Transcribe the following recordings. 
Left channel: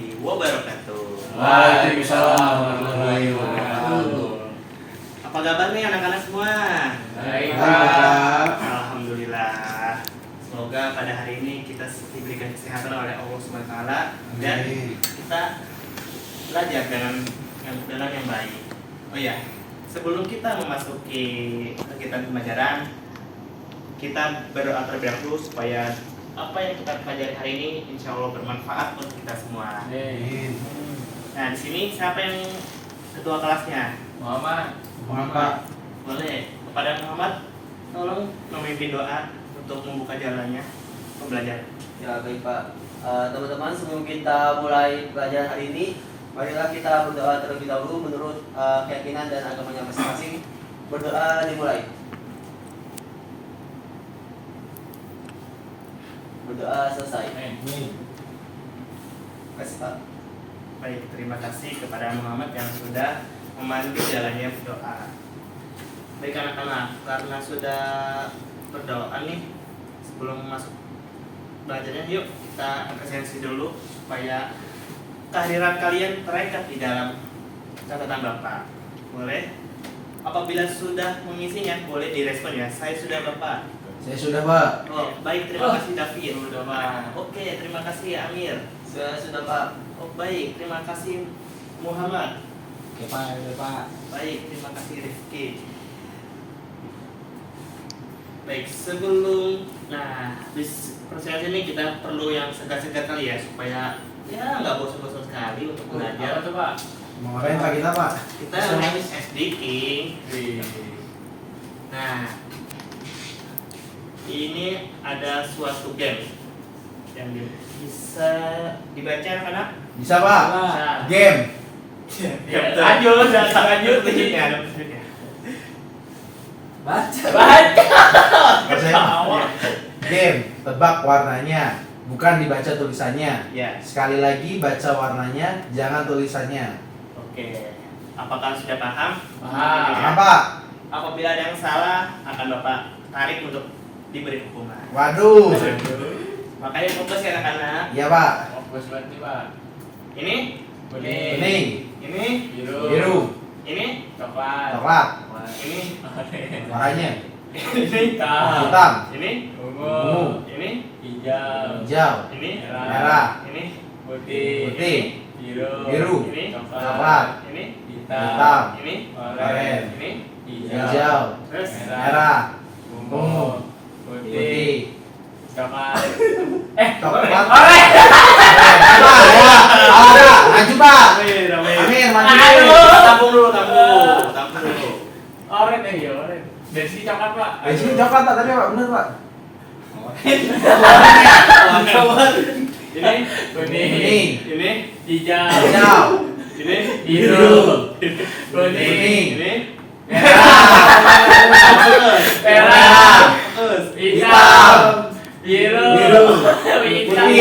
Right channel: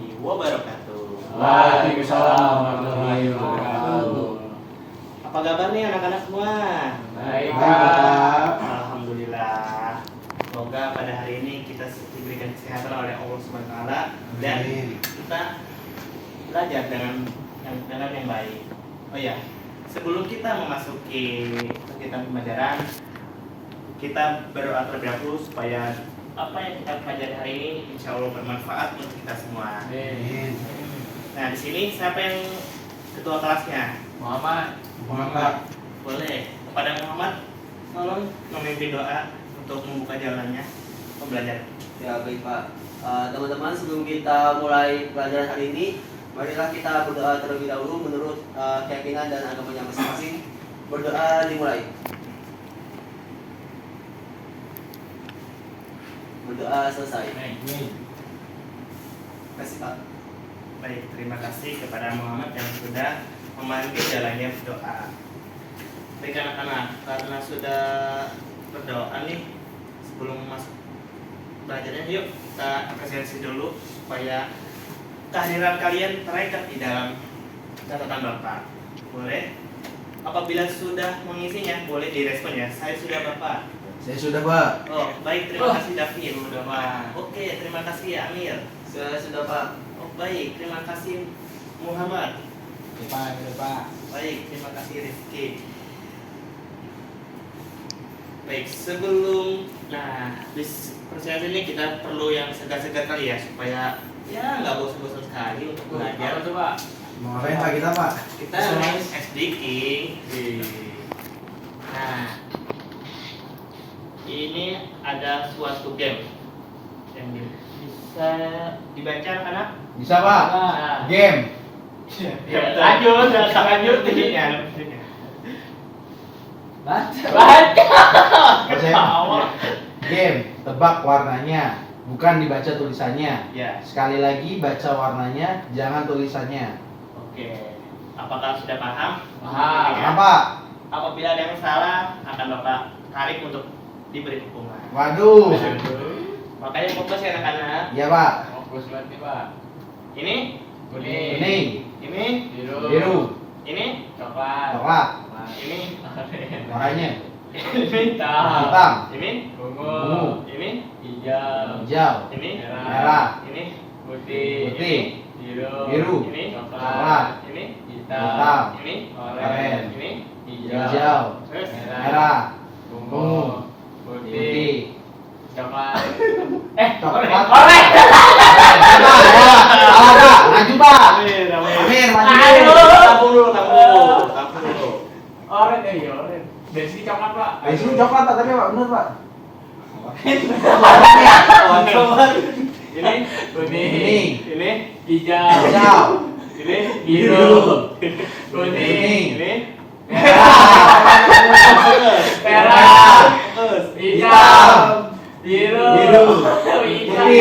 warahmatullahi wabarakatuh. Waalaikumsalam warahmatullahi wabarakatuh. Apa kabar nih anak-anak semua? Baik, Pak. Alhamdulillah. Semoga pada hari ini kita diberikan kesehatan oleh Allah SWT dan Amin. kita belajar dengan yang baik. Oh ya, sebelum kita memasuki kegiatan pembelajaran, kita berdoa terlebih dahulu supaya apa yang kita pelajari hari ini insya Allah bermanfaat untuk kita semua. Amin. Nah, di sini siapa yang ketua kelasnya? Muhammad. Muhammad. Boleh kepada Muhammad tolong memimpin doa untuk membuka jalannya pembelajaran. Ya baik Pak. Teman-teman, sebelum kita mulai pelajaran hari ini, marilah kita berdoa terlebih dahulu menurut keyakinan dan agamanya masing-masing. Berdoa dimulai. Berdoa selesai. Kasih Pak. Baik, terima kasih kepada Muhammad yang sudah memandu jalannya berdoa. Baik anak-anak, karena sudah berdoa nih, sebelum masuk belajarnya, yuk kita apresiasi dulu supaya kehadiran kalian terekam di dalam catatan Bapak. Boleh? Apabila sudah mengisinya, boleh direspon ya. Saya sudah Bapak. Saya sudah, Pak. Oh, baik, terima kasih David. Sudah Pak. Oke, terima kasih Amir. Saya sudah Pak. Oh, baik, terima kasih Muhammad. Pak. Baik, terima kasih Rifki. Baik, sebelum di proses ini kita perlu yang segar-segar kali ya supaya ya nggak bosan-bosan sekali untuk belajar. Apa tuh, Pak? Mau ngapain Pak kita, Pak? Kita main SD King. Nah, ini ada suatu game yang bisa dibaca anak-anak. Bisa, Pak. Bisa. Game. Ya, betul. Lanjut. Ini ada musiknya. Baca. Saya game. Tebak warnanya, bukan dibaca tulisannya. Ya. Sekali lagi baca warnanya, jangan tulisannya. Oke. Apakah sudah paham? Paham. Ya. Paham, Pak? Apabila ada yang salah, akan Bapak tarik untuk diberi hukuman. Waduh. Makanya fokus ya anak-anak. Iya, Pak. Fokus berarti, Pak. Ini, Bening. Bening. ini, Biru. ini, Coklat. Coklat. ini, Warnanya ini, hitam. ini, Ungu. ini, Hijau. Hijau. ini, Merah. ini, Putih. Putih. Biru. ini, Coklat. ini, Hitam. ini, Oranye. ini, Hijau. terus, Merah. Ungu. Putih. Putih. Coklat. Coklat. Oranye. Pak, ya. Salah, Pak. Maju, Pak. Amin, amin. Amin, maju. Aduh. Tabung dulu, tabung dulu. Oranye ya, oranye. Dari sini coklat, Pak. Dari sini coklat, Pak. Tadi, Pak. Bener, Pak. Ini, Bening. ini, Hijau. Hijau. ini, Biru. Bening. Bening. ini, Merah. terus, Merah. terus, Hitam. Biru. Biru. Hijau. Putih.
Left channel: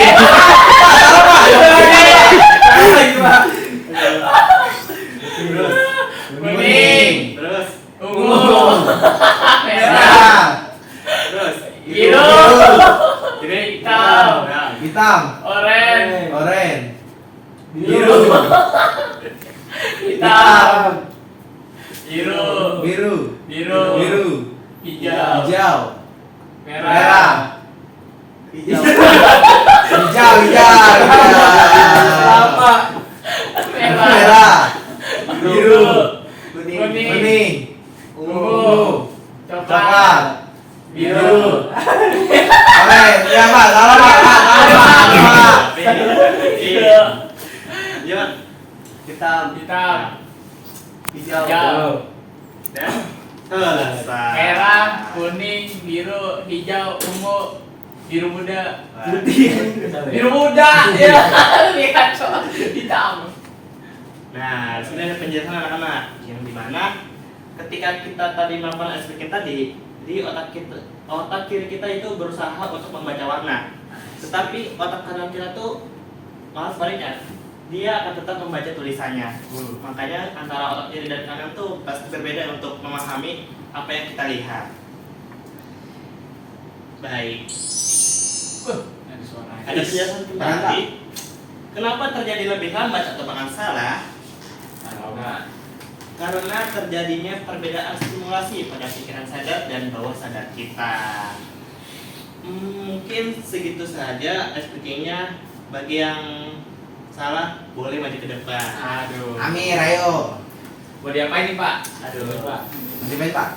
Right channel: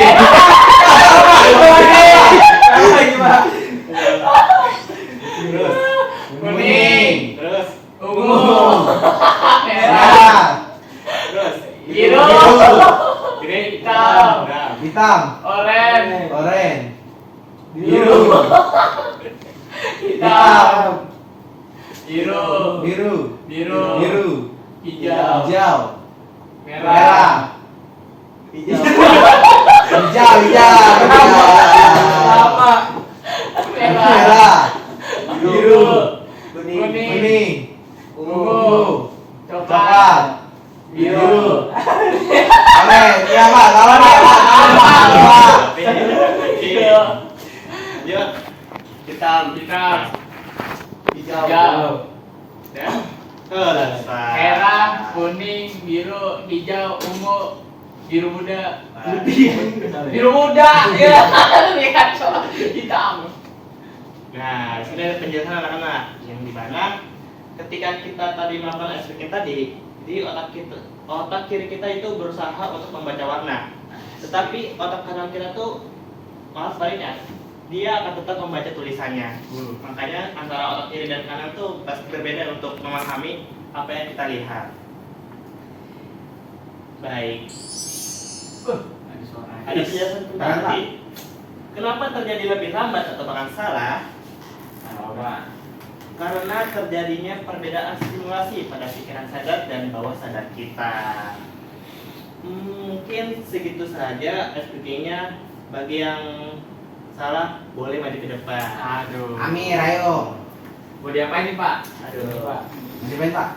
terus, Bening. terus, Ungu. Merah. Merah. terus, Biru. ini, Hitam. nah, Hitam. Oranye. Oranye. Biru. Hitam. Biru. Biru. Biru. Biru. Hijau. Hijau. Merah. Merah. Hijau. Hijau. Hijau. Apa? Merah. Merah. Biru. Bening. Bening. Bening. Ungu. Coklat. Biru. Oranye. Ya, Pak. Salah, Pak. Salah, Pak. Biru. yuk, Hitam. Hitam. Hijau. Hijau. dan selesai. Merah, kuning, biru, hijau, ungu, biru muda, Putih. biru muda, ya lihat soal hitam. Nah, di sini ada penjelasan anak-anak yang dimana ketika kita tadi melakukan SPK tadi di otak kiri kita itu berusaha untuk membaca warna, tetapi otak kanan kita tuh malah sebaliknya, dia akan tetap membaca tulisannya. Makanya antara otak kiri dan kanan tuh pasti berbeda untuk memahami apa yang kita lihat. Baik. Ada suara. Ada penjelasan kembali. Kenapa terjadi lebih lambat atau bahkan salah? Apa? Karena terjadinya perbedaan stimulasi pada pikiran sadar dan bawah sadar kita. Mungkin segitu saja SPK-nya. Bagi yang salah boleh maju ke depan. Aduh. Amir, ayo. Mau diapain nih Pak? Aduh, Pak. Masih baik Pak.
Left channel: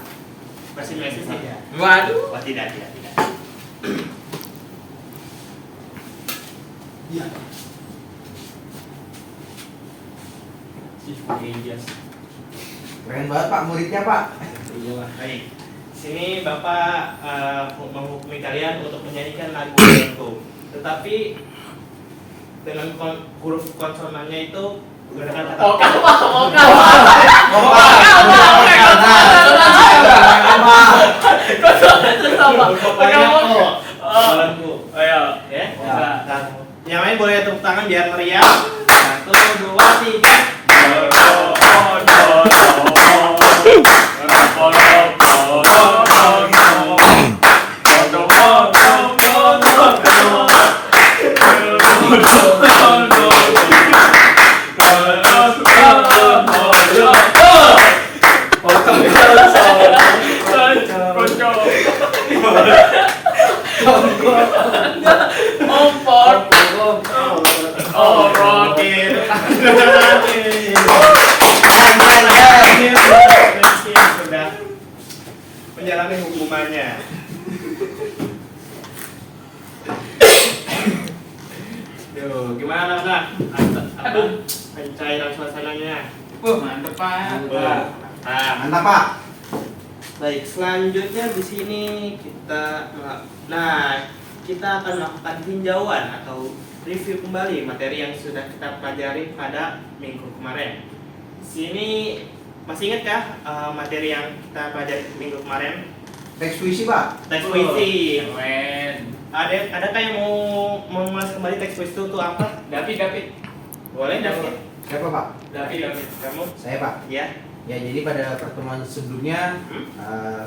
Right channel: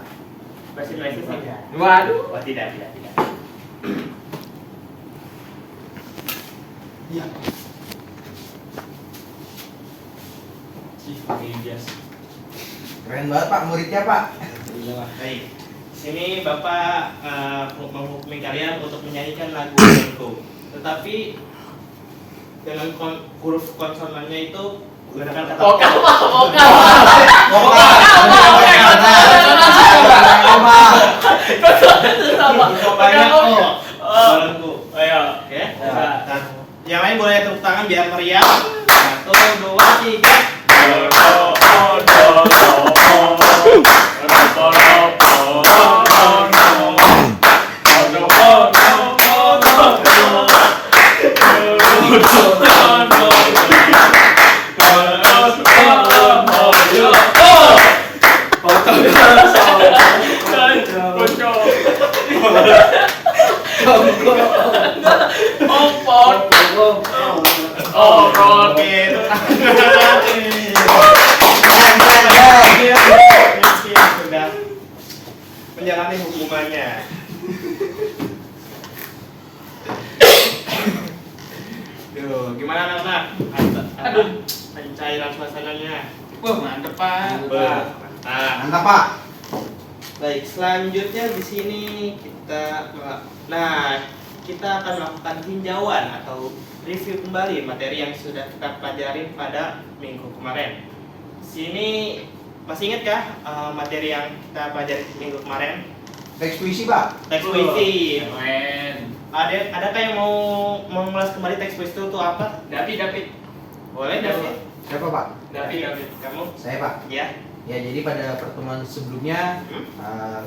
Bahasa Indonesia sih. Waduh. Oh, tidak. Iya. Ih, pakai jas. Keren banget Pak, muridnya Pak. Iya Pak. Baik. Sini Bapak menghukumi kalian untuk menyanyikan lagu Bengko. Tetapi dengan huruf konsonannya itu menggunakan kata Vokal Pak, vokal. Banyak kok. Lagu. Ayo. Ya. Bisa. Yang lain boleh tepuk tangan biar meriah. 1, 2, 3. Sudah menjalani hukumannya. Yo, gimana anak-anak? Aduh, pencairan suasananya. Wah, mantep Pak. Nah, Mantap Pak. baik, selanjutnya di sini kita akan melakukan tinjauan atau review kembali materi yang sudah kita pelajari pada minggu kemarin. Di sini masih ingat kah materi yang kita pelajari minggu kemarin? Teks puisi Pak. Teks puisi. Keren. Adakah yang mau mengulas kembali teks puisi itu apa? David. Boleh, David? Siapa Pak? David. Kamu? Saya Pak. Ya. Ya, jadi pada pertemuan sebelumnya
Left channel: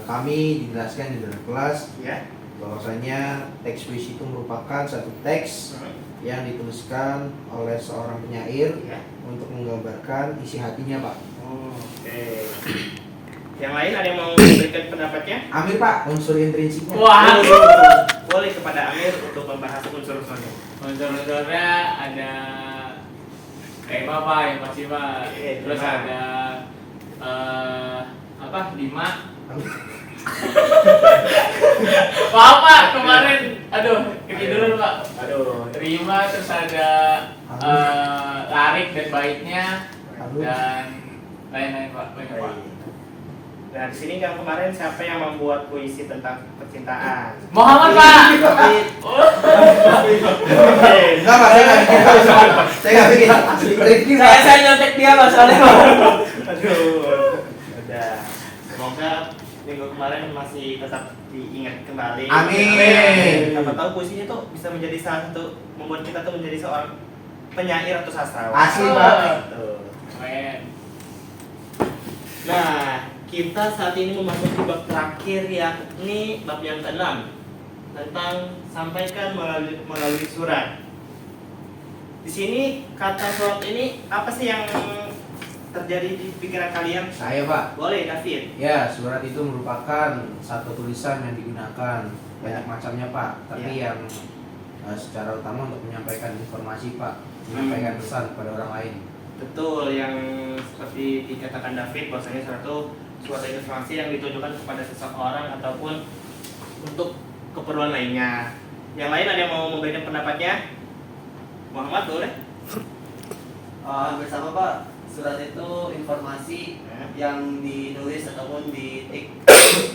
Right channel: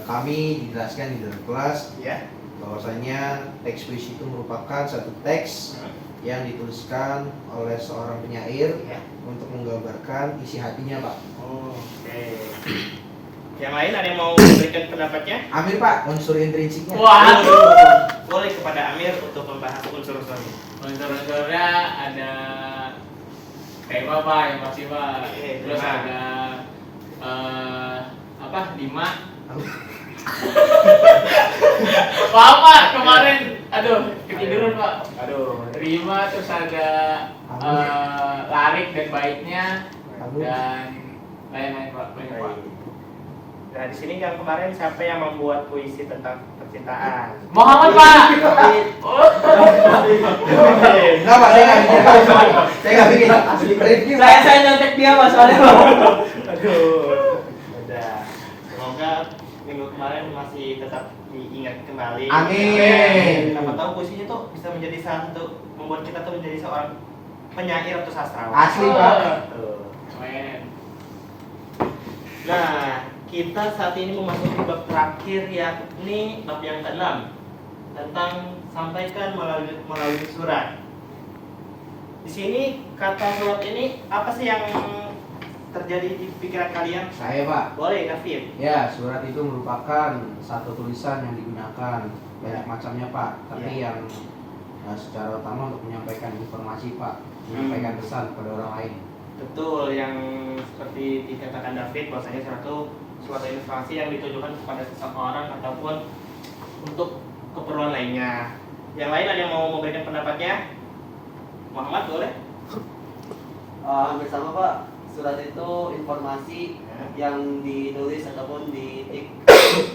kami dijelaskan di dalam kelas Ya. bahwasanya teks puisi itu merupakan satu teks yang dituliskan oleh seorang penyair Ya. untuk menggambarkan isi hatinya Pak. Oke. Yang lain ada yang mau memberikan pendapatnya? Amir Pak, unsur intrinsiknya. Wah. Boleh kepada Amir untuk membahas unsur-unsurnya. Unsur-unsurnya ada kayak apa yang pasti Pak. Iya, Terus Dima. ada Dima. Maaf Pak, kemarin ketiduran Pak. Rima, terus ada larik dan baitnya dan lain-lain Pak. Nah, di sini kan kemarin siapa yang membuat puisi tentang percintaan? Muhammad Pak. Enggak Pak, saya nggak bikin Pak. Saya nggak bikin. Rifki Pak. Saya nyontek dia masalahnya. Aduh. Udah. Semoga minggu kemarin masih tetap diingat kembali. Amin. Siapa tahu puisinya tuh bisa menjadi salah satu membuat kita tuh menjadi seorang penyair atau sastrawan. Asli Pak. Tuh. Keren. Nah, kita saat ini memasuki bab terakhir yakni bab yang ke-6 tentang sampaikan melalui surat. Di sini kata surat ini apa sih yang terjadi di pikiran kalian? Saya Pak. Boleh, David. Ya, surat itu merupakan satu tulisan yang digunakan banyak macamnya Pak. Tapi yang secara utama untuk menyampaikan informasi Pak, menyampaikan pesan kepada orang lain. Betul, yang seperti dikatakan David bahwasanya suatu informasi yang ditujukan kepada seseorang ataupun untuk keperluan lainnya. Yang lain ada yang mau memberikan pendapatnya? Muhammad, boleh? Hampir sama Pak. Surat itu informasi yang ditulis ataupun diketik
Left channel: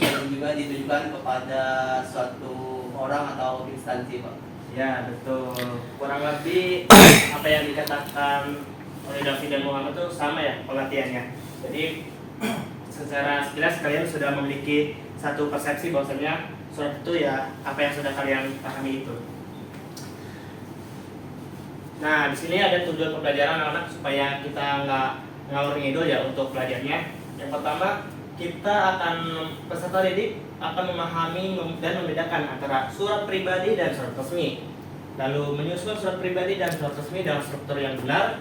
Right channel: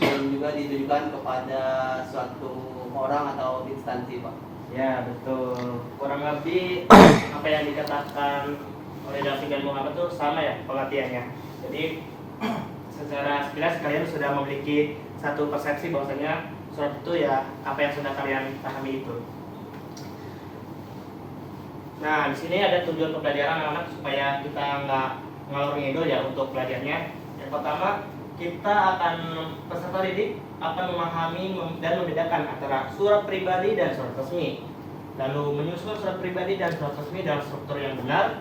yang juga ditujukan kepada suatu orang atau instansi Pak. Ya, betul. Kurang lebih apa yang dikatakan oleh David dan Muhammad itu sama ya pengertiannya. Jadi secara sekilas kalian sudah memiliki satu persepsi bahwasanya surat itu ya apa yang sudah kalian pahami itu. Nah, di sini ada tujuan pembelajaran anak-anak supaya kita nggak ngalor ngidul ya untuk belajarnya. Yang pertama, peserta didik akan memahami dan membedakan antara surat pribadi dan surat resmi. lalu menyusun surat pribadi dan surat resmi dalam struktur yang benar,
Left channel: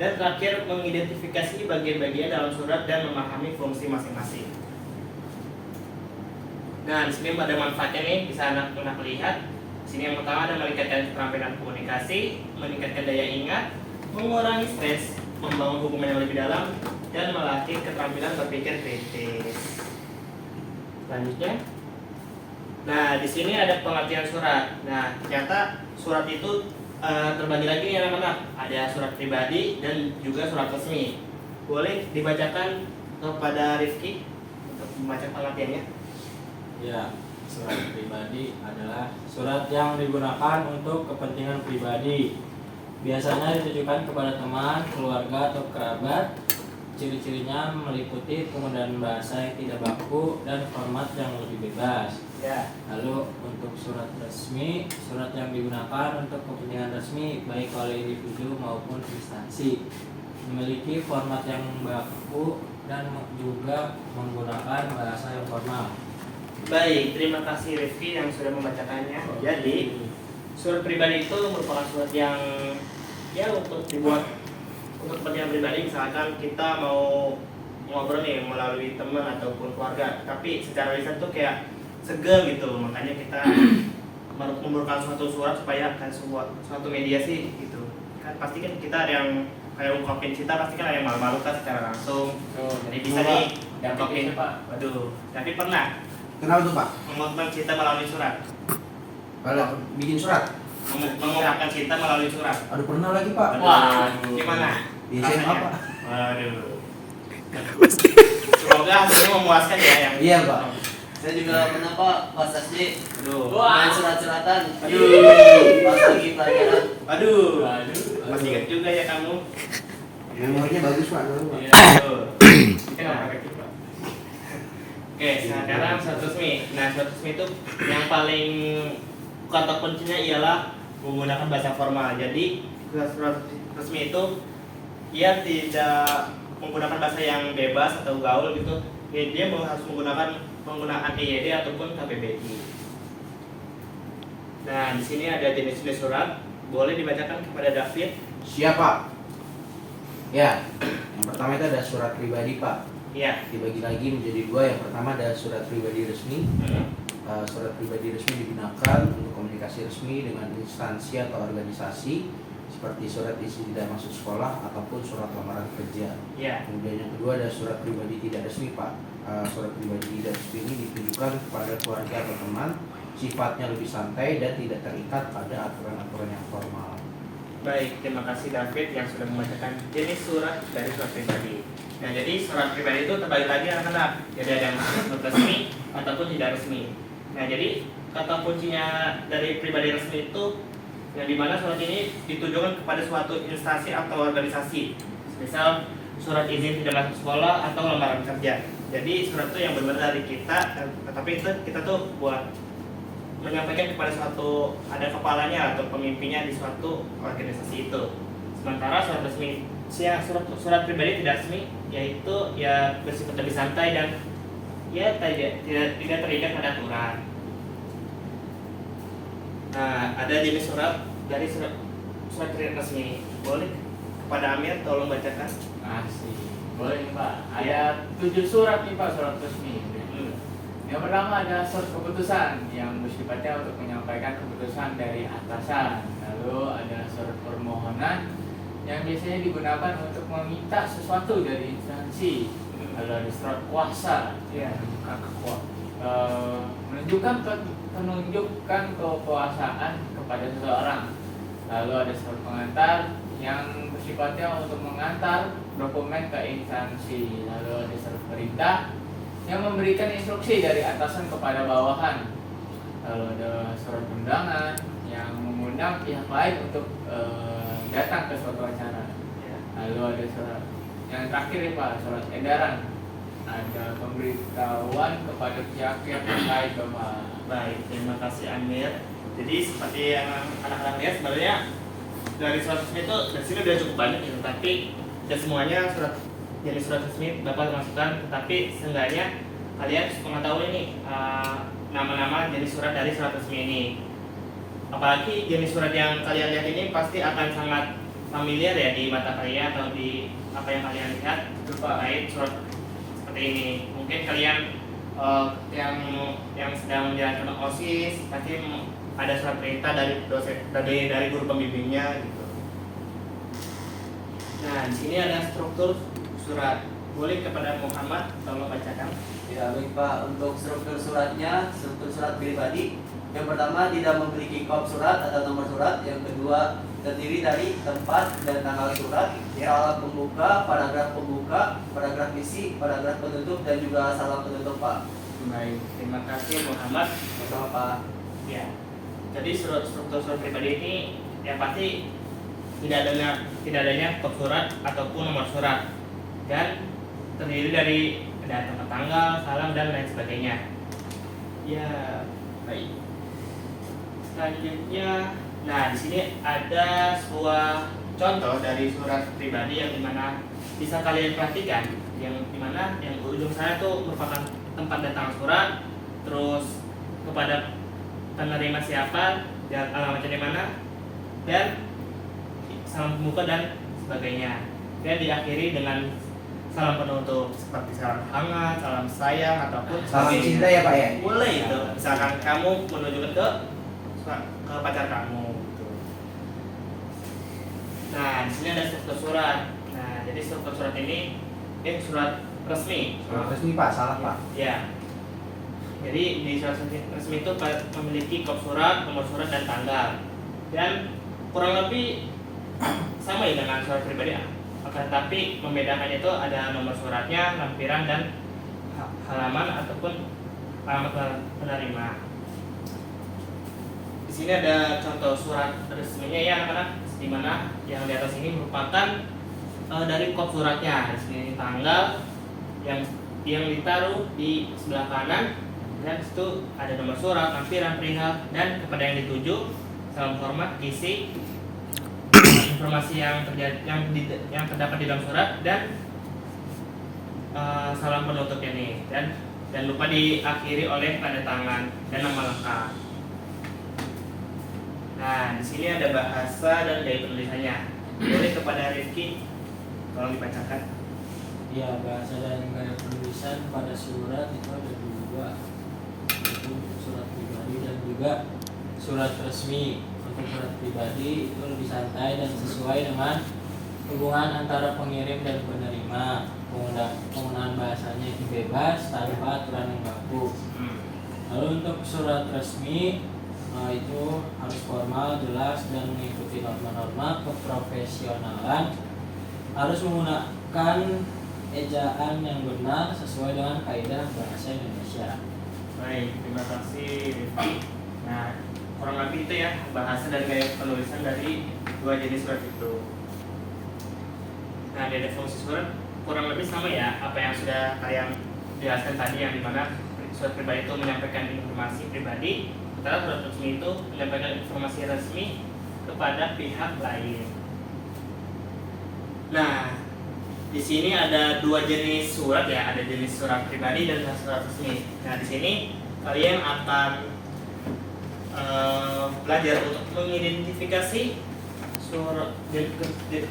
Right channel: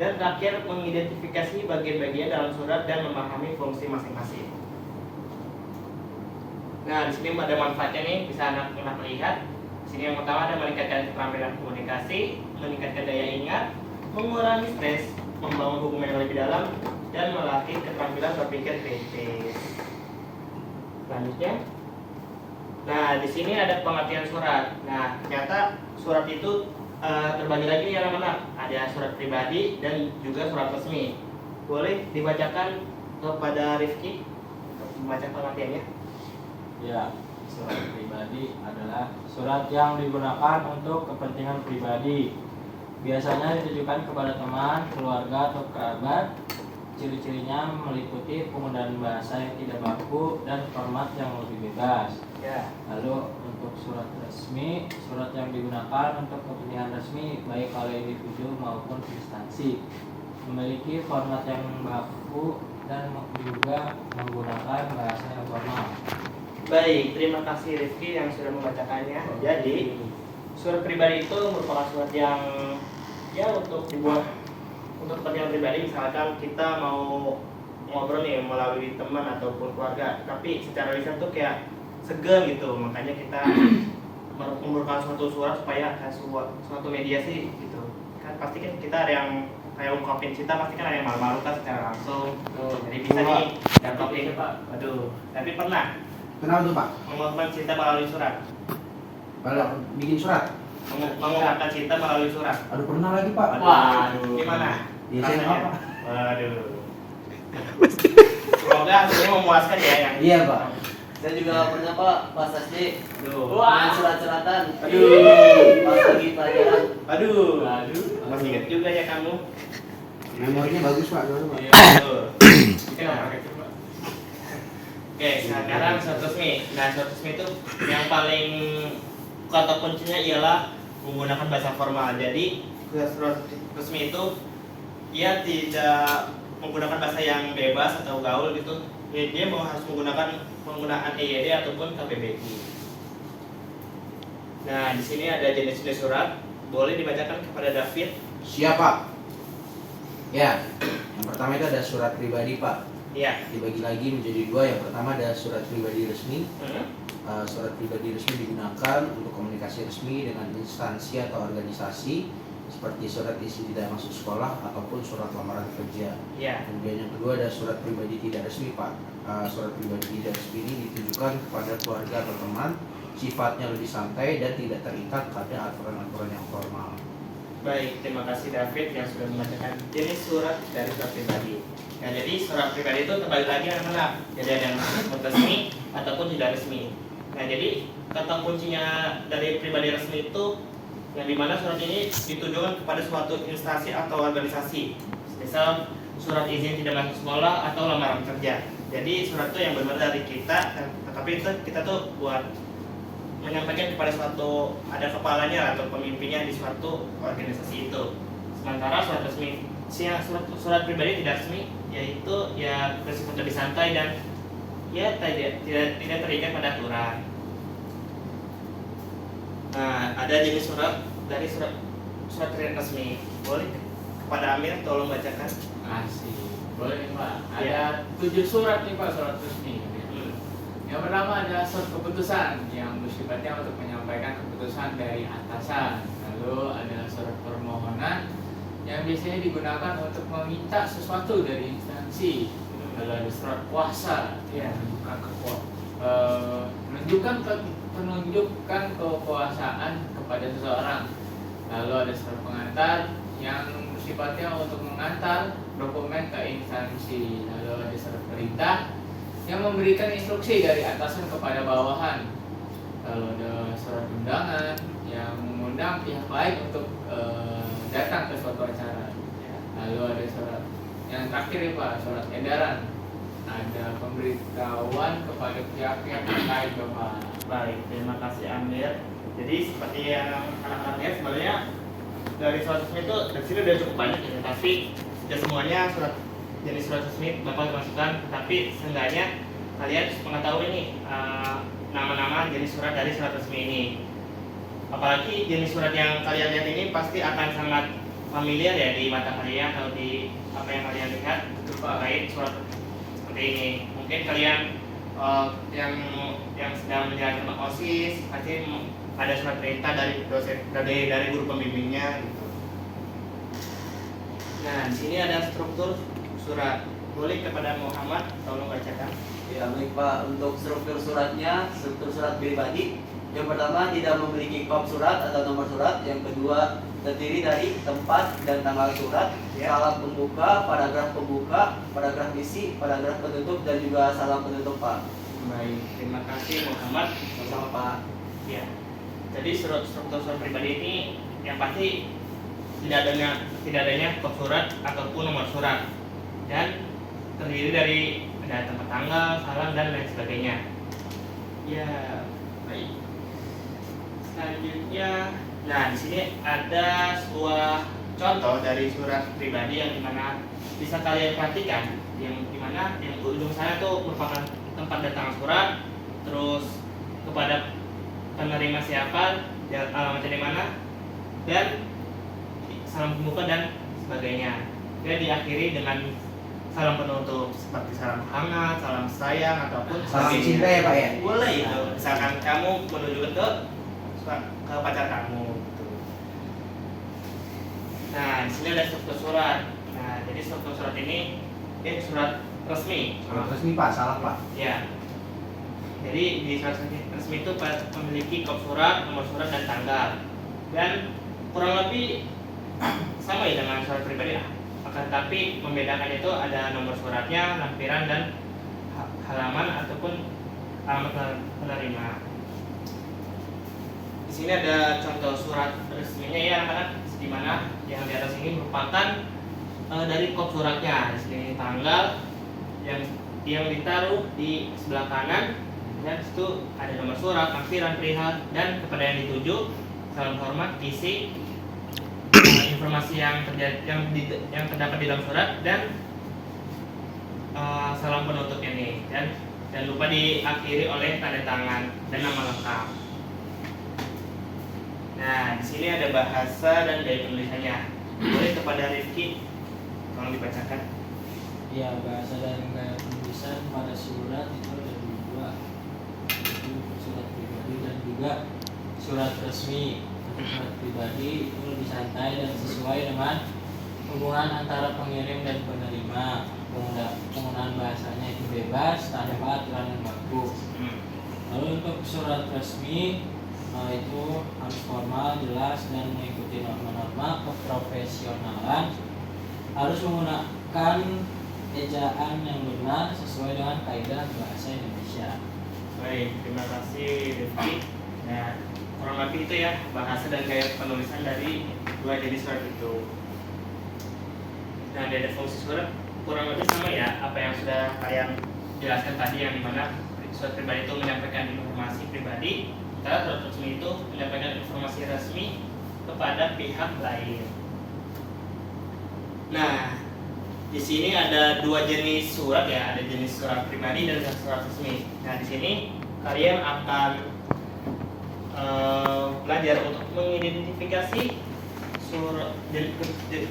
dan terakhir mengidentifikasi bagian-bagian dalam surat dan memahami fungsi masing-masing. Nah, di sini ada manfaatnya nih, bisa anak lihat. Di sini yang pertama ada meningkatkan keterampilan komunikasi, meningkatkan daya ingat, mengurangi stres, membangun hubungan yang lebih dalam, dan melatih keterampilan berpikir kritis. Selanjutnya, nah di sini ada pengertian surat. Nah, ternyata surat itu terbagi lagi yang mana? Ada surat pribadi dan juga surat resmi. Boleh dibacakan kepada Rifki untuk membaca pengertiannya? Ya, surat pribadi adalah surat yang digunakan untuk kepentingan pribadi. Biasanya ditujukan kepada teman, keluarga, atau kerabat. Ciri-cirinya meliputi penggunaan bahasa yang tidak baku dan format yang lebih bebas. Ya. Lalu untuk surat resmi, surat yang digunakan untuk kepentingan resmi baik oleh individu maupun instansi. Memiliki format yang baku dan juga menggunakan bahasa yang formal. Baik, terima kasih Rifki yang sudah membacakannya. Jadi, surat pribadi itu merupakan surat yang ya untuk dibuat untuk kepentingan pribadi. Misalkan kita mau ngobrol nih melalui teman ataupun keluarga, tapi secara lisan tuh kayak segan gitu, makanya kita memerlukan suatu surat supaya kan suatu mediasi gitu. Kan pasti kan kita ada yang kayak ungkapin cinta, pasti kan ada yang malu-malu kan secara langsung. Jadi bisa nih ungkapin, Pak. Waduh, tapi pernah Kenapa tuh Pak? mengungkapkan cinta melalui surat. Kalau bikin surat? Mengungkapkan cinta melalui surat. Aduh pernah lagi Pak. Waduh, gimana? Di SMA Pak. Waduh. Semoga hasilnya memuaskan ya yang. Iya Pak. Saya juga pernah Pak pas SD Aduh. main surat-suratan. Aduh. Pas lagi pelajaran. Aduh. Aduh. Masih ingat juga ya kamu. Memorinya bagus Pak. Iya. Betul. Kenapa gitu, Pak? Oke, sekarang surat resmi. Nah, surat resmi itu yang paling kata kuncinya ialah menggunakan bahasa formal. Jadi, surat resmi itu ia tidak menggunakan bahasa yang bebas atau gaul gitu. Dia mau harus menggunakan penggunaan EYD ataupun KBBI. Nah, di sini ada jenis-jenis surat. Boleh dibacakan kepada David. Siapa? Ya, yang pertama itu ada surat pribadi Pak. Iya. Dibagi lagi menjadi dua. Yang pertama ada surat pribadi resmi. Surat pribadi resmi digunakan untuk komunikasi resmi dengan instansi atau organisasi seperti surat isi tidak masuk sekolah ataupun surat lamaran kerja. Iya. Kemudian yang kedua ada surat pribadi tidak resmi Pak. Surat pribadi tidak resmi ini ditujukan kepada keluarga atau teman, sifatnya lebih santai dan tidak terikat pada aturan-aturan yang formal. Baik, terima kasih David yang sudah membacakan jenis surat dari surat pribadi. Nah, jadi surat pribadi itu terbagi lagi anak-anak. Jadi ada yang resmi ataupun tidak resmi. Nah, jadi kata kuncinya dari pribadi resmi itu yang dimana surat ini ditujukan kepada suatu instansi atau organisasi. Misal surat izin tidak masuk sekolah atau lamaran kerja. Jadi surat itu yang benar dari kita, tapi itu kita tuh buat menyampaikan kepada suatu ada kepalanya atau pemimpinnya di suatu organisasi itu. Sementara surat resmi, surat pribadi tidak resmi yaitu ya bersifat lebih santai dan ya tidak terikat pada aturan. Nah, ada jenis surat dari surat resmi. Boleh kepada Amir tolong bacakan. Masih. Boleh nih Pak. Ada 7 surat nih Pak, surat resmi. Yang pertama ada surat keputusan yang bersifatnya untuk menyampaikan keputusan dari atasan. Lalu ada surat permohonan yang biasanya digunakan untuk meminta sesuatu dari instansi. Lalu ada surat kuasa yang menunjukkan kekuasaan kepada seseorang. Lalu ada surat pengantar yang bersifatnya untuk mengantar dokumen ke instansi. Lalu ada surat perintah yang memberikan instruksi dari atasan kepada bawahan. Lalu ada surat undangan yang mengundang pihak lain untuk datang ke suatu acara. Lalu ada surat yang terakhir ya Pak, surat edaran. Ada pemberitahuan kepada pihak yang terkait Bapak. Baik, terima kasih Amir. Jadi seperti yang anak-anak lihat sebenarnya dari surat resmi itu dari sini udah cukup banyak ya, tapi tidak semuanya jenis surat resmi Bapak masukkan, tapi seenggaknya kalian mengetahui nih nama-nama jenis surat dari surat resmi ini. apalagi jenis surat yang kalian lihat ini pasti akan sangat familiar ya di mata kalian atau di apa yang kalian lihat terkait surat seperti ini. Mungkin kalian yang sedang menjalankan OSIS pasti ada surat perintah dari dosen dari guru pembimbingnya gitu. Nah, di sini ada struktur surat. Boleh kepada Muhammad tolong bacakan. Ya baik Pak, untuk struktur suratnya, struktur surat pribadi yang pertama tidak memiliki kop surat atau nomor surat. Yang kedua terdiri dari tempat dan tanggal surat, salam pembuka, paragraf isi, paragraf penutup dan juga salam penutup Pak. Baik, terima kasih Muhammad. Sama Pak. Ya. Jadi struktur surat pribadi ini yang pasti tidak adanya kop surat ataupun nomor surat dan terdiri dari ada tempat tanggal, salam dan lain sebagainya. Ya, baik. Selanjutnya, nah di sini ada sebuah contoh dari surat pribadi yang dimana bisa kalian perhatikan, yang dimana yang ujung sana itu merupakan tempat datang surat, terus kepada penerima siapa, dan alamatnya di mana, dan salam pembuka dan sebagainya. Dan diakhiri dengan salam penutup seperti salam hangat, salam sayang ataupun Salam sebagainya. cinta ya Pak ya. Boleh itu. Misalkan kamu menuju ke pacar kamu gitu. Nah, di sini ada struktur surat. Nah, jadi struktur surat ini surat resmi. Surat resmi Pak, salah Pak. Ya. Jadi di surat resmi itu memiliki kop surat, nomor surat dan tanggal. Dan kurang lebih sama ya dengan surat pribadi. Akan tetapi membedakannya itu ada nomor suratnya, lampiran dan halaman ataupun alamat penerima. Di sini ada contoh surat resminya ya anak-anak, di mana yang di atas ini merupakan dari kop suratnya. Di sini tanggal yang ditaruh di sebelah kanan dan situ ada nomor surat, lampiran, perihal dan kepada yang dituju salam hormat, isi informasi yang terdapat di dalam surat dan salam penutup ini dan lupa diakhiri oleh tanda tangan dan nama lengkap. Nah, di sini ada bahasa dan gaya penulisannya. Boleh kepada Rifki tolong dibacakan. Ya, bahasa dan gaya penulisan pada surat itu ada dua, yaitu surat pribadi dan juga surat resmi. Untuk surat pribadi itu lebih santai dan sesuai dengan hubungan antara pengirim dan penerima. Penggunaan bahasanya itu bebas tanpa aturan yang baku. Lalu untuk surat resmi itu harus formal, jelas dan mengikuti norma-norma keprofesionalan. Harus menggunakan ejaan yang benar sesuai dengan kaidah bahasa Indonesia. Baik, terima kasih Rifki. Nah, kurang lebih itu ya bahasa dan gaya penulisan dari dua jenis surat itu. Nah, dari fungsi surat kurang lebih sama ya apa yang sudah kalian jelaskan tadi, yang dimana surat pribadi itu menyampaikan informasi pribadi, sementara surat resmi itu menyampaikan informasi resmi kepada pihak lain. Nah, di sini ada dua jenis surat ya, ada jenis surat pribadi dan surat resmi. Nah, di sini kalian akan belajar untuk mengidentifikasi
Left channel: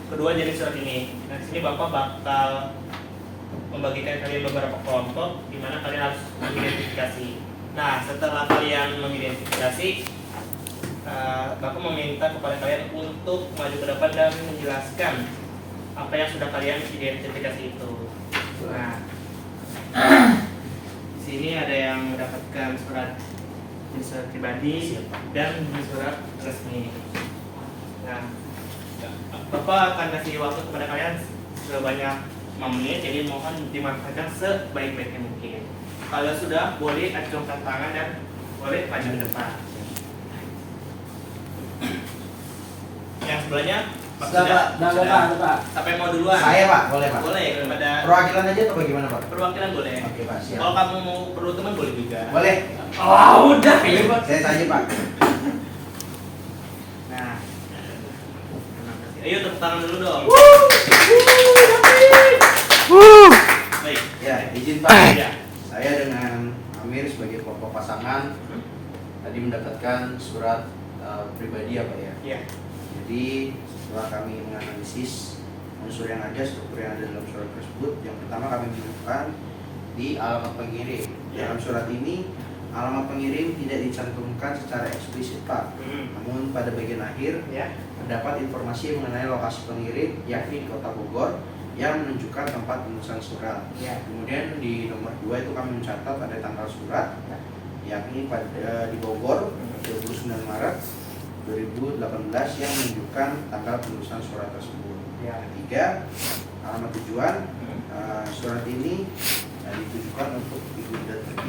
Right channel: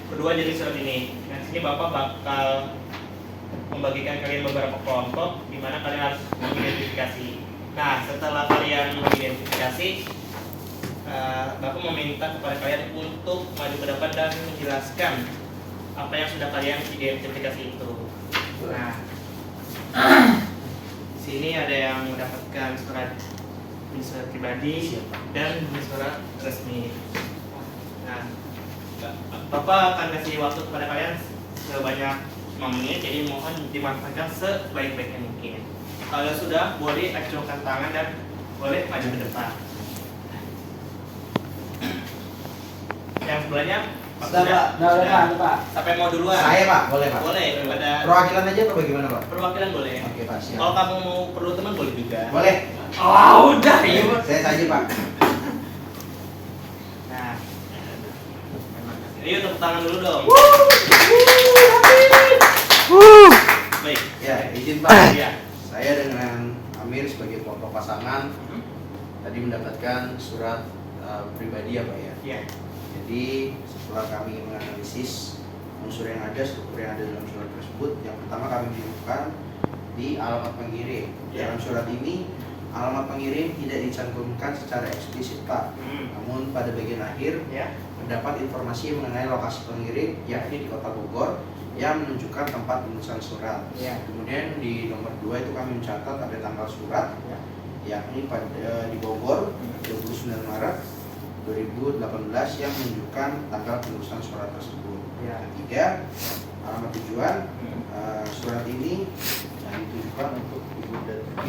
kedua jenis surat ini. Nah, di sini Bapak bakal membagikan kalian beberapa kelompok di mana kalian harus mengidentifikasi. Nah, setelah kalian mengidentifikasi, Bapak meminta kepada kalian untuk maju ke depan dan menjelaskan apa yang sudah kalian identifikasi itu. Nah, sini ada yang mendapatkan surat pribadi dan surat resmi. Nah, Bapak akan kasih waktu kepada kalian sebanyak 5 menit, jadi mohon dimanfaatkan sebaik-baiknya mungkin. Kalau sudah, boleh acungkan tangan dan boleh maju ke depan. Yang sebelahnya, Pak, Sudah Pak. Sampai mau duluan? Saya Pak, boleh Pak. Boleh, kepada Perwakilan aja atau bagaimana Pak? perwakilan boleh. Oke Pak, siap. Kalau kamu mau perlu teman boleh juga. Boleh. Oh, udah ya. Saya saja Pak. Nah, terima kasih. Ayo tepuk tangan dulu dong. Baik. Ya, izin Pak. Ya. Saya dengan Amir sebagai kelompok pasangan tadi mendapatkan surat pribadi ya Pak ya. Ya. Jadi setelah kami menganalisis unsur yang ada, struktur yang ada dalam surat tersebut, yang pertama kami menemukan di alamat pengirim. Ya. Dalam surat ini alamat pengirim tidak dicantumkan secara eksplisit Pak. Namun pada bagian akhir Ya. terdapat informasi mengenai lokasi pengirim yakni di Kota Bogor yang menunjukkan tempat pemesanan surat. Ya. Kemudian di nomor 2 itu kami mencatat ada tanggal surat Ya. yakni pada di Bogor 29 Maret 2018 yang menunjukkan tanggal penulisan surat tersebut. Ya. Ketiga, alamat tujuan surat ini ditujukan untuk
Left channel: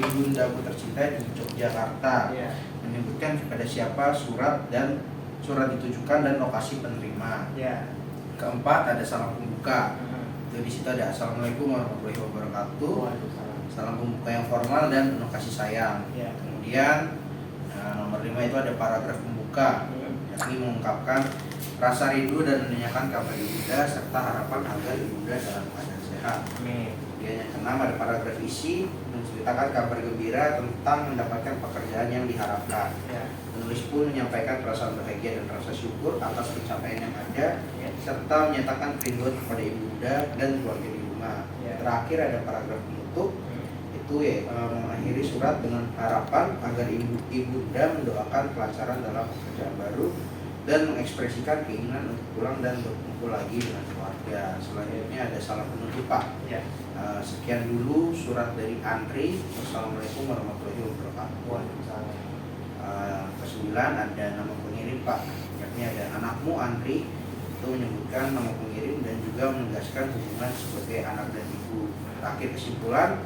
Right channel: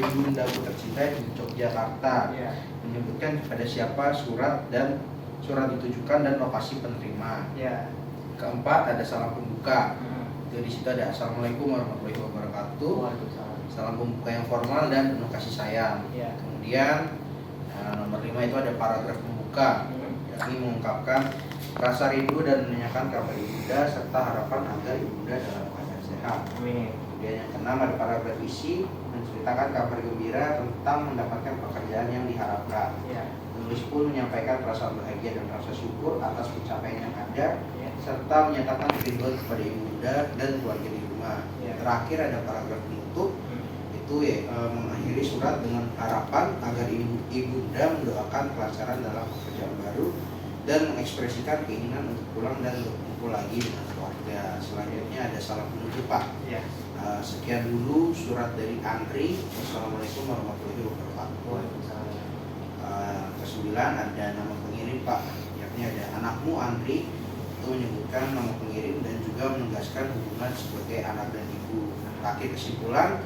ibundaku tercinta di Yogyakarta, Ya. menyebutkan kepada siapa surat dan surat ditujukan dan lokasi penerima. Ya. Keempat, ada salam pembuka. Itu di situ ada Assalamualaikum warahmatullahi wabarakatuh. Waalaikumsalam. Salam pembuka yang formal dan penuh kasih sayang. Ya. Kemudian nomor 5 itu ada paragraf pembuka, yakni mengungkapkan rasa rindu dan menanyakan kabar ibunda serta harapan agar ibunda dalam keadaan sehat. Amin. Kemudian yang keenam ada paragraf isi menceritakan kabar gembira tentang mendapatkan pekerjaan yang diharapkan. Ya. Penulis pun menyampaikan perasaan bahagia dan rasa syukur atas pencapaian yang ada, Ya. serta menyatakan kerinduan kepada ibunda dan keluarga di rumah. Ya. Terakhir ada paragraf penutup, itu ya mengakhiri surat dengan harapan agar ibunda mendoakan kelancaran dalam pekerjaan baru dan mengekspresikan keinginan untuk pulang dan berkumpul lagi dengan keluarga. Selanjutnya ada salam penutup Pak. Ya. Sekian dulu surat dari Andri. Wassalamualaikum warahmatullahi wabarakatuh. Waalaikumsalam. Kesembilan ada nama pengirim Pak, yakni ada anakmu Andri, itu menyebutkan nama pengirim dan juga menegaskan hubungan sebagai anak dan ibu. Terakhir kesimpulan,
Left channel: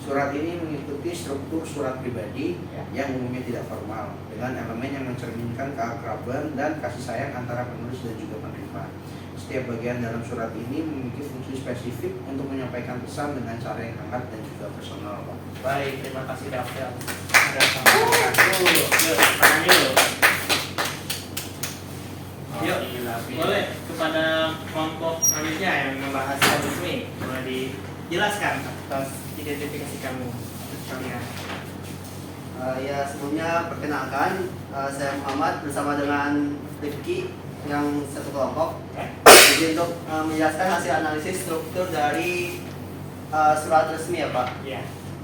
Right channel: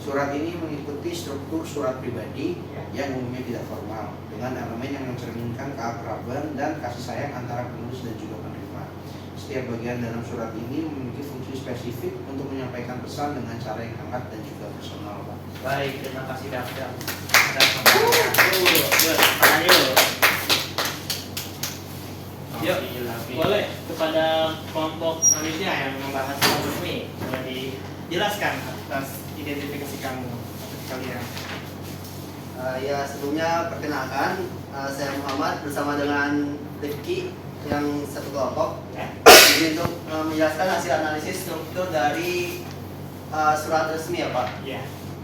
surat ini mengikuti struktur surat pribadi yang umumnya tidak formal, dengan elemen yang mencerminkan keakraban dan kasih sayang antara penulis dan juga penerima. Setiap bagian dalam surat ini memiliki fungsi spesifik untuk menyampaikan pesan dengan cara yang hangat dan juga personal Pak. Baik, terima kasih Daftar. Ada pertanyaan. Yuk, tanya yuk. Yuk, boleh kepada kelompok selanjutnya yang membahas hal ini, boleh dijelaskan atas identifikasi kamu kalian. Ya sebelumnya perkenalkan, saya Muhammad bersama dengan Rifki yang satu kelompok. Ya. Jadi untuk menjelaskan hasil analisis struktur dari surat resmi ya Pak. Ya.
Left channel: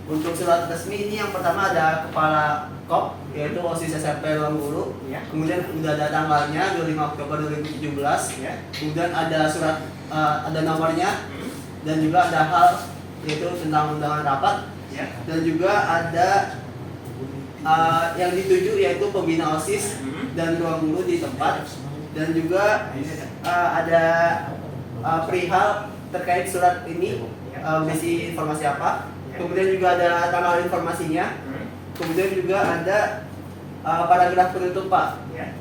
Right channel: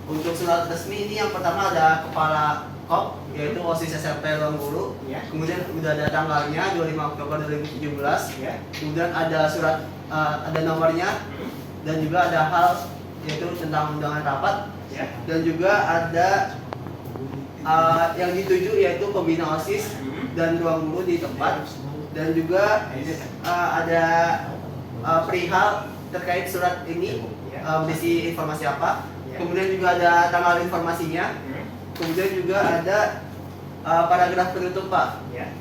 Untuk surat resmi ini yang pertama ada kepala KOP yaitu OSIS SMP Longguru. Ya. Kemudian udah ada tanggalnya 25 Oktober 2017. Ya. Kemudian ada surat ada nomornya dan juga ada hal yaitu tentang undangan rapat. Ya. Dan juga ada yang dituju yaitu pembina OSIS dan ruang guru di tempat. Dan juga ada perihal terkait surat ini, berisi informasi apa. Kemudian juga ada tanggal informasinya. Kemudian juga ada paragraf penutup Pak. Ya.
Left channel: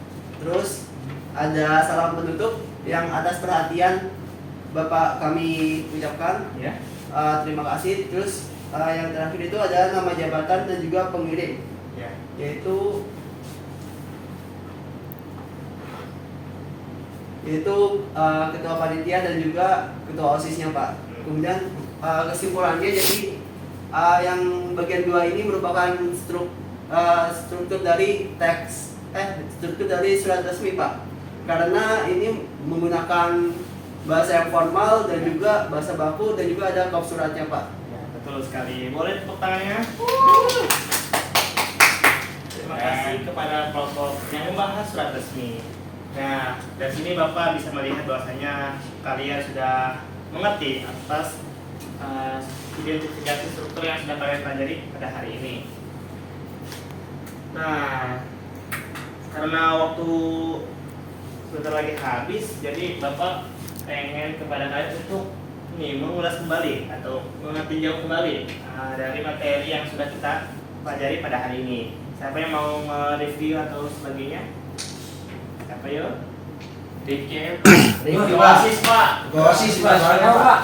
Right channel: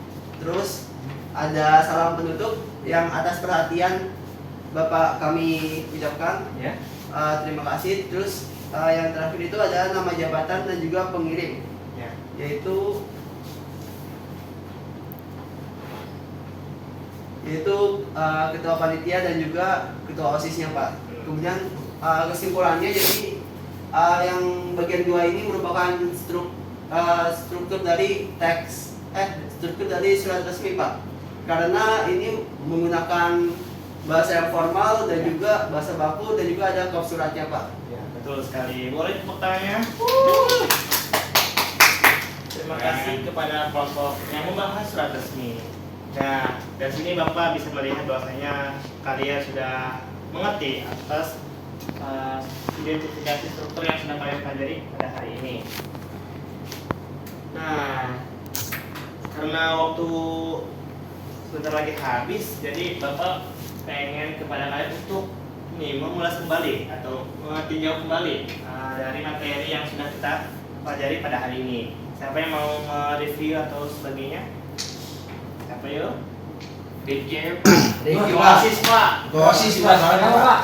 Terus ada salam penutup yang atas perhatian Bapak kami ucapkan. Ya. Terima kasih. Terus yang terakhir itu ada nama jabatan dan juga pengirim, Ya. yaitu ketua panitia dan juga ketua OSISnya Pak. Kemudian kesimpulannya jadi yang bagian 2 ini merupakan struktur dari struktur dari surat resmi Pak. Karena ini menggunakan bahasa yang formal dan juga bahasa baku dan juga ada kop suratnya Pak. Ya, betul sekali. Boleh tepuk tangannya? Terima kasih kepada kelompok yang membahas surat resmi. Nah, dari sini Bapak bisa melihat bahwasanya kalian sudah mengerti atas identifikasi struktur yang sedang kalian pelajari pada hari ini. Nah, karena waktu sebentar lagi habis, jadi Bapak pengen kepada kalian untuk mengulas kembali atau meninjau kembali dari materi yang sudah kita pelajari pada hari ini. Siapa yang mau mereview atau sebagainya? Siapa yuk? Rifki Rifki, Pak. OSIS Pak. OSIS Pak, soalnya Pak.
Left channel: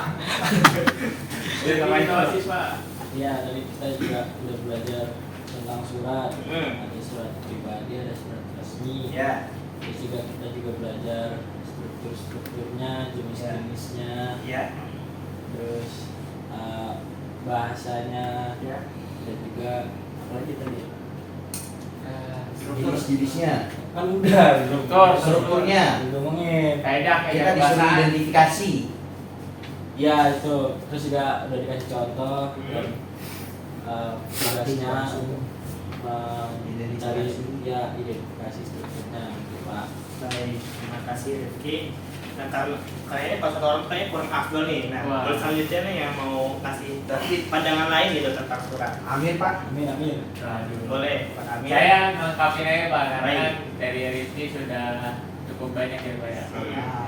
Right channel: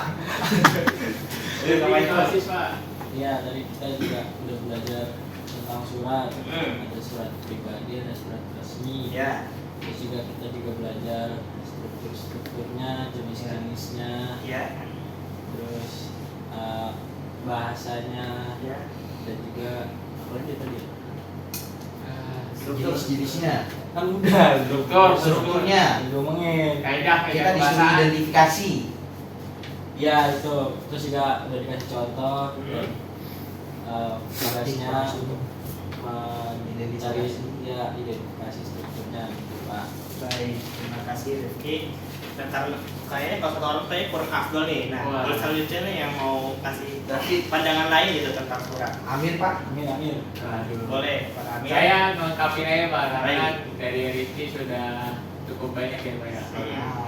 Yuk, ngapain tuh OSIS Pak? Iya, tadi kita juga udah belajar tentang surat. Hmm. Ada surat pribadi, ada surat resmi. Ya. Terus juga kita juga belajar strukturnya, jenis-jenisnya, Ya. terus bahasanya, Ya. dan juga apa lagi tadi? Jenis-jenisnya. Kan udah Strukturnya. ngomongin. Kaidah Kita disuruh bahasa. identifikasi. Ya itu, terus juga udah dikasih contoh tugasnya untuk mencari ya identifikasi strukturnya gitu Pak. Baik, terima kasih Rifki. Nah, karena kayaknya kalau kata orang kayak kurang afdol nih. Nah, Wah. kalau selanjutnya nih yang mau kasih Berarti pandangan lain gitu tentang surat. Amin Pak. Amin amin. Aduh. Boleh, Pak Amin. Saya melengkapi aja Pak, karena Baik. dari Rifki sudah cukup banyak ya Pak ya.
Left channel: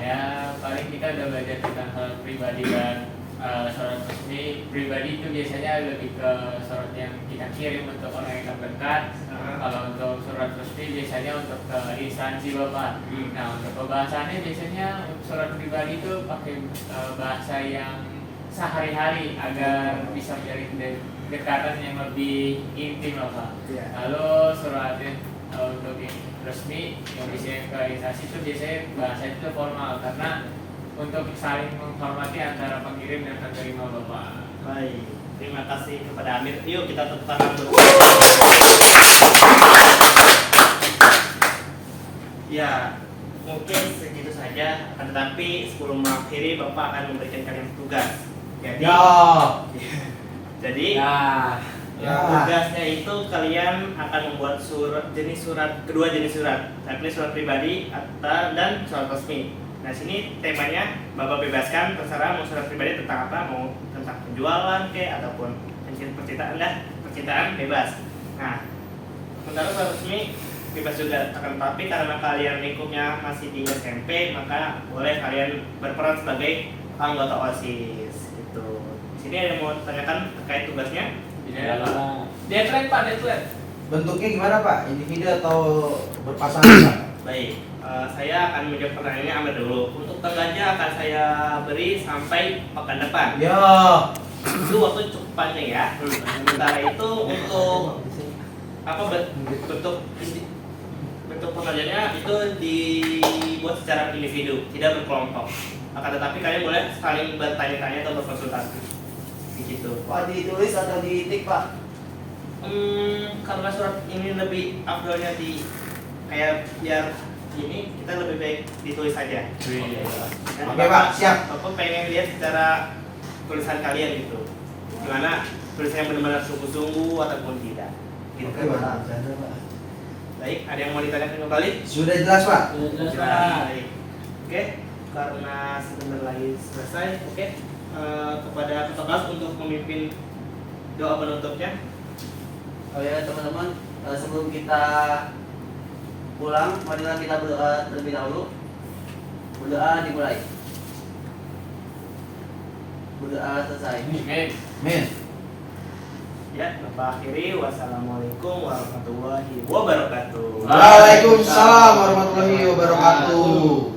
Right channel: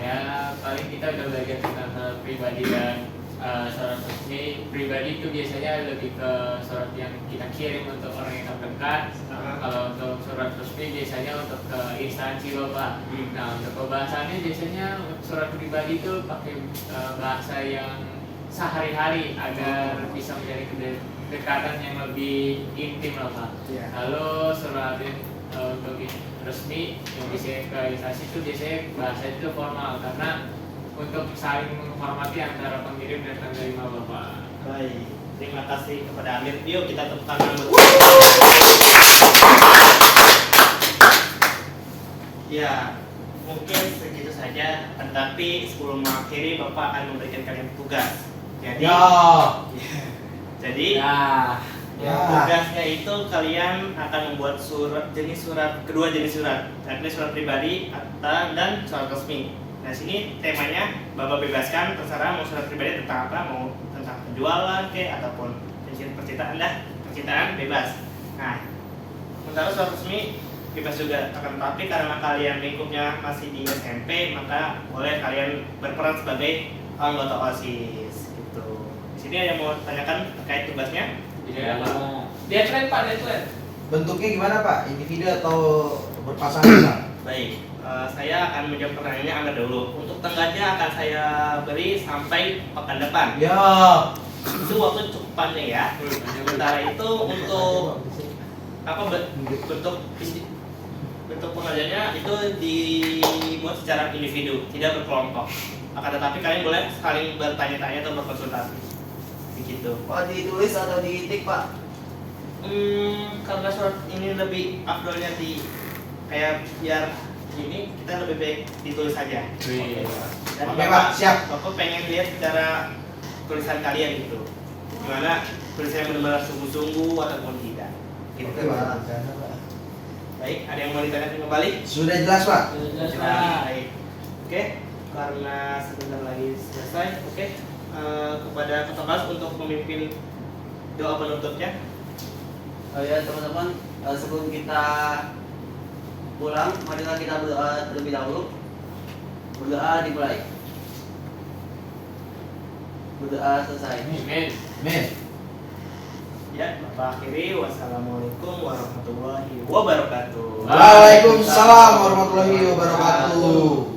Ya paling kita udah belajar tentang hal pribadi dan surat resmi. Pribadi itu biasanya lebih ke surat yang kita kirim untuk orang yang terdekat. Kalau untuk surat resmi biasanya untuk ke instansi Bapak. Nah untuk pembahasannya biasanya untuk surat pribadi itu pakai bahasa yang sehari-hari agar bisa menjadi kedekatan yang lebih intim lah Pak. Iya. Lalu surat untuk resmi yang bisa ke instansi itu biasanya bahasa itu formal karena untuk saling menghormati antara pengirim dan penerima Bapak. Baik, terima kasih kepada Amir. Yuk kita tepuk tangan dulu. Ya, mungkin segitu saja. Tetapi sebelum mengakhiri, Bapak akan memberikan kalian tugas. Jadi, jadi Ya. tugasnya itu kalian akan membuat kedua jenis surat, yakni surat pribadi dan surat resmi. Nah sini temanya Bapak bebaskan, terserah mau surat pribadi tentang apa, mau tentang penjualan ataupun percintaan percintaan bebas. Nah sementara surat resmi bebas juga, akan tetapi karena kalian lingkupnya masih di SMP, maka boleh kalian berperan sebagai anggota OSIS gitu. Di sini ada yang mau tanyakan terkait tugasnya? Bisa Pak. Deadline Pak, deadline. Bentuknya gimana Pak? Individu atau berpasangan Pak? Baik, saya akan menjawab pertanyaannya Amir dulu. Untuk tenggatnya akan saya beri sampai pekan depan. Ya. Itu waktu cukup panjang ya. Sementara itu untuk bentuk pengerjaannya itu dibuat secara individu, tidak berkelompok. Akan tetapi kalian boleh saling bertanya-tanya atau berkonsultasi. Begitu. Pak ditulis atau ditik Pak? Karena surat ini lebih afdolnya di kayak biar gini, kita lebih baik ditulis saja. Iya. Dan Oke, Pak, siap. Bapak pengen lihat secara tulisan kalian gitu, gimana tulisannya benar-benar sungguh-sungguh ataupun tidak. Gitu. Oke, Pak. Baik, ada yang mau ditanyakan kembali? Sudah jelas Pak. Sudah jelas Jelas. Pak. Baik. Oke, karena sebentar lagi selesai. Oke, kepada ketua kelas untuk memimpin doa penutupnya. Oh ya teman-teman, sebelum kita pulang, marilah kita berdoa terlebih dahulu. Berdoa dimulai. Berdoa selesai. Amin. Amin. Ya, Bapak akhiri. Wassalamualaikum warahmatullahi wabarakatuh. Waalaikumsalam warahmatullahi wabarakatuh.